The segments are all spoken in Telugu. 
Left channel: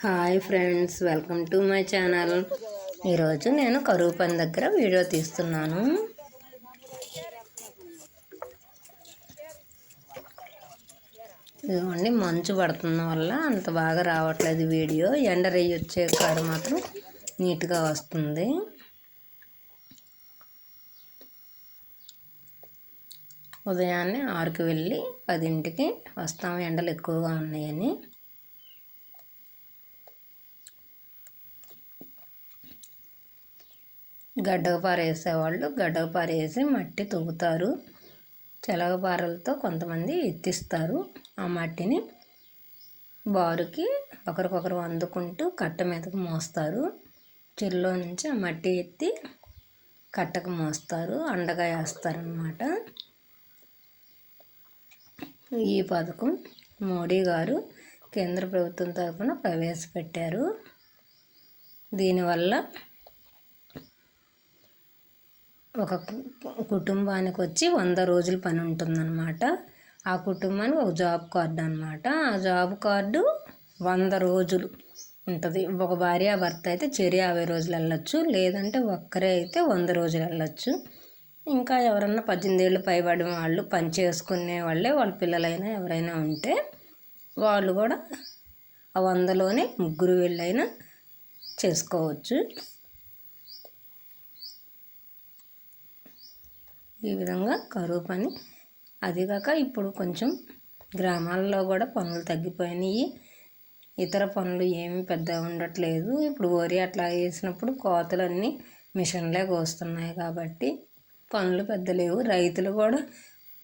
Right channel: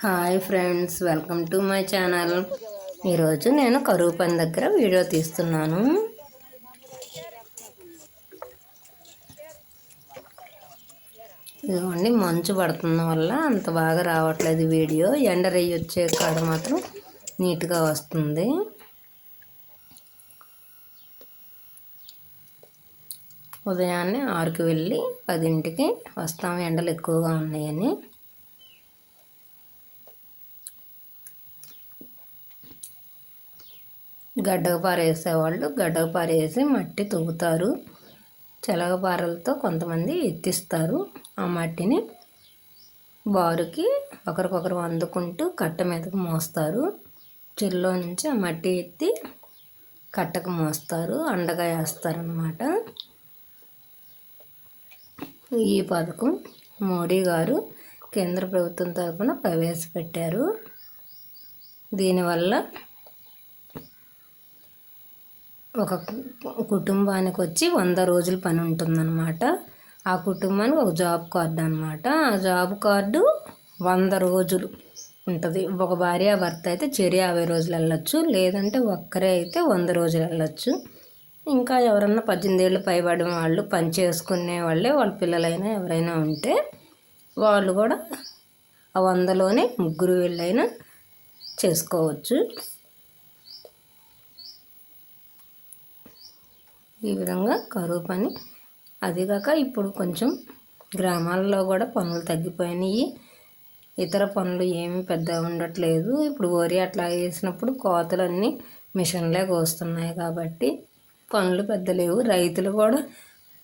Hi friends, welcome to my channel. ఈరోజు నేను కరువు పని దగ్గర వీడియో తీస్తున్నాను. ఇదిగోండి, మంచు పడుతున్న వల్ల అంత బాగా రావట్లేదు వీడియో. ఎండ రేయి వచ్చే కాడ మాత్రం నీట్గా వస్తుంది. ఉదయాన్నే 6కి వెళ్ళి 10ంటికి వస్తాము, ఎండలు ఎక్కువగా ఉన్నాయని. గడ్డకు పారేసేవాళ్ళు గడ్డకు పారేసి మట్టి తవ్వుతారు. చెలగపారలతో కొంతమంది ఎత్తిస్తారు. ఆ మట్టిని బారుకి ఒకరికొకరు అందుకుంటూ కట్ట మీదకు మోస్తారు. చెరులో నుంచి ఆ మట్టి ఎత్తి కట్టకు మోస్తారు, అండగా వేస్తారన్నమాట. ఈ పథకం మోడీ గారు కేంద్ర ప్రభుత్వం తరఫున ప్రవేశపెట్టారు. దీనివల్ల ఒక కుటుంబానికి వచ్చి 100 రోజుల పని ఉంటుందన్నమాట. ఆ కుటుంబానికి ఒక జాబ్ కార్డు అనమాట. ఆ జాబ్ కార్డు 100 రోజులు ఉంటుంది. ఒక భార్య భర్త అయితే చెరి 50 రోజులు వెళ్ళొచ్చు, లేదంటే ఒక్కరే అయితే 100 రోజులు వెళ్ళొచ్చు. ఇంకా ఎవరన్నా 18 ఏళ్ళు పైబడిన వాళ్ళు, పని చేసుకునే వాళ్ళే, వాళ్ళ పిల్లలైనా ఎవరైనా ఉంటే వాళ్ళు కూడా ఆ 100లోనే ముగ్గురు వీళ్ళైనా చేసుకోవచ్చు. ఈ విధంగా కరువు పని. అదిగాక ఇప్పుడు కొంచెం గ్రామాల్లో కూడా పనులు తగ్గిపోయినాయి. ఇతర పనులు ఏమీ పెద్ద ఉండట్లేదు. ఇప్పుడు వరి అట్లా వేసినప్పుడు కోతలన్నీ మిషన్లే కోస్తున్నాయి కాబట్టి పనులు పెద్ద లేవు. రైతులు కూడా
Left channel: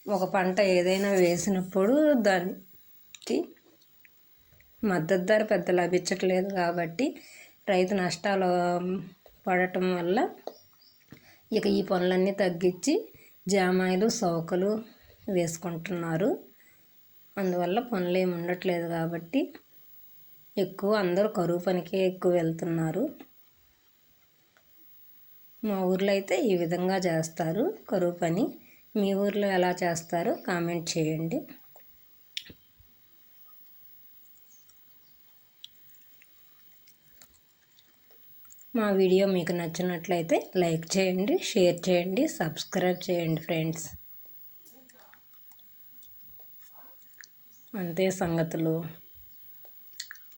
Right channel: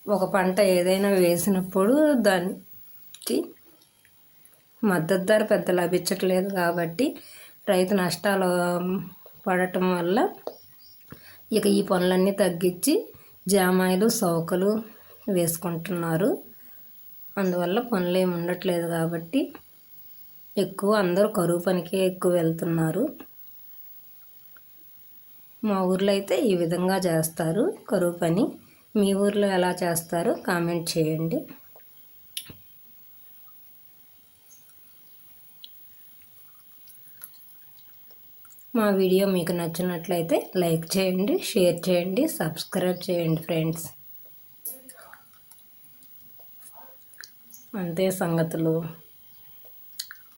ఒక పంట ఏదైనా వేసినప్పుడు దానికి మద్దతు ధర పెద్ద లభించట్లేదు కాబట్టి రైతు నష్టాలు పడటం వల్ల ఇక ఈ పనులన్నీ తగ్గించి జామాయిలు సౌకలు వేసుకుంటున్నారు. అందువల్ల పనులు ఏమి ఉండట్లేదు కాబట్టి ఎక్కువ అందరూ కరువు పనికి ఎక్కువ వెళ్తున్నారు. మా ఊర్లో అయితే ఈ విధంగా చేస్తారు కరువు పని. మీ ఊర్లో ఎలా చేస్తారో కామెంట్ చేయండి. మా వీడియో మీకు నచ్చినట్లయితే లైక్ చేయండి, షేర్ చేయండి, సబ్స్క్రైబ్ చేయండి ఫ్రెండ్స్. అంతే సంగతులు.